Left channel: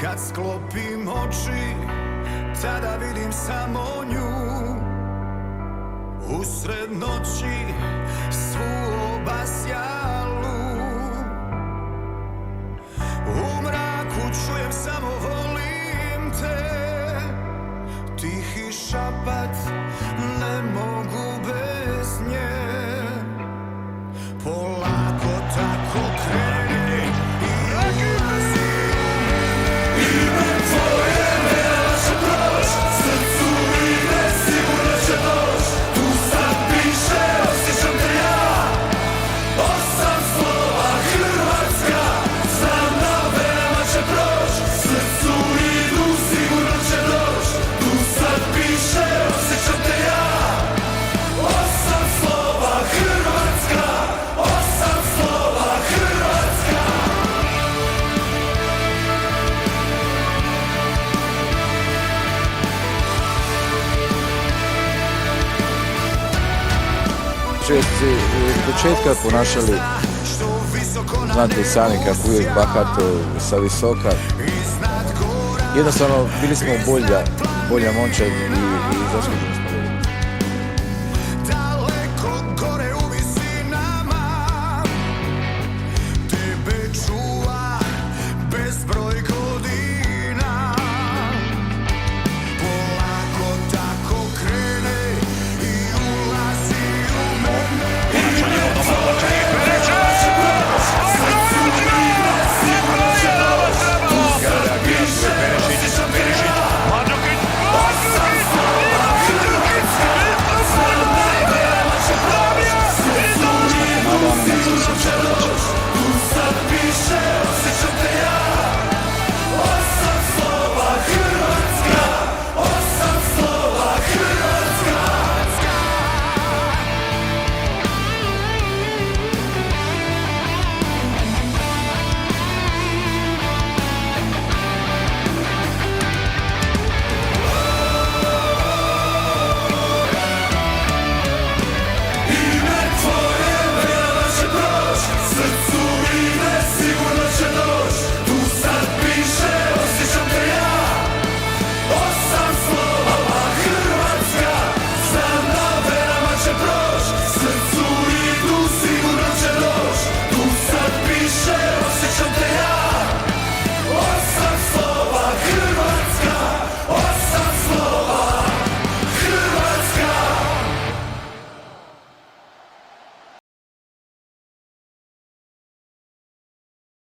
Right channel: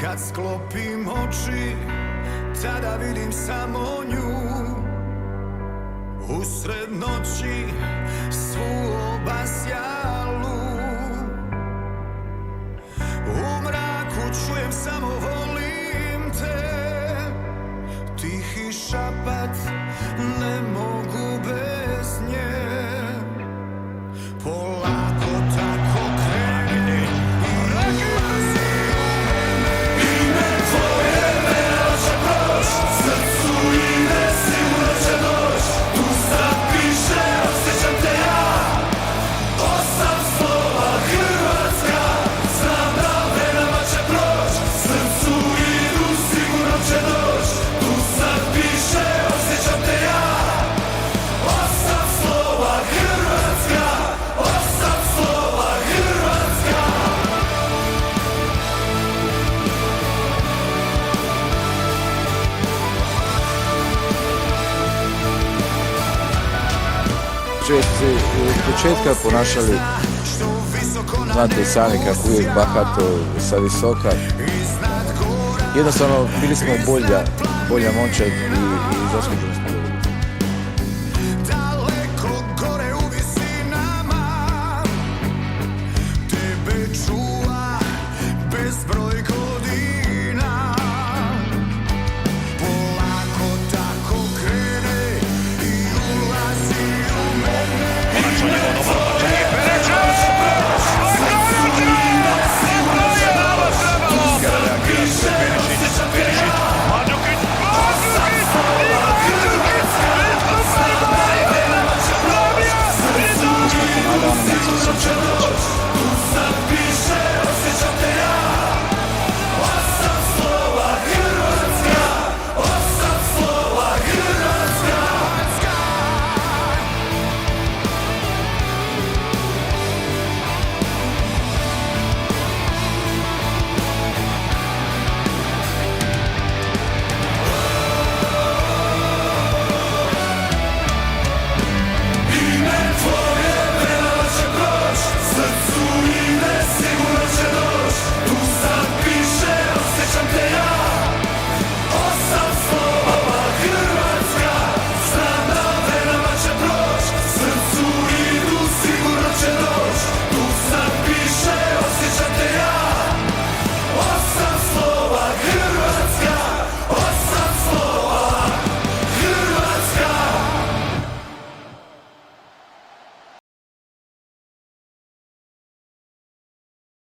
Kad sklopim oči, tada vidim samo nju. Usred noći, svu obasjalu. U mraku čujem samo volim te. Tihi šapat, ne mogu bez nje. Polako tako kreni i ulazi u mene. Ime tvoje neće proć, srcu ide sigurno će doć. Tu sad piše, osjećam te ja. 8 slova Hrvatska, znam da venama će proć. Srcu idu, sigurno će doć. Tu sad piše, osjećam te ja. 8 slova Hrvatska, 8 slova Hrvatska. Često se od početka ponašali, znate i sami kako uvijek bahato, sa visoka. Jednostavno bili smo bolja momčad i zaslužili smo.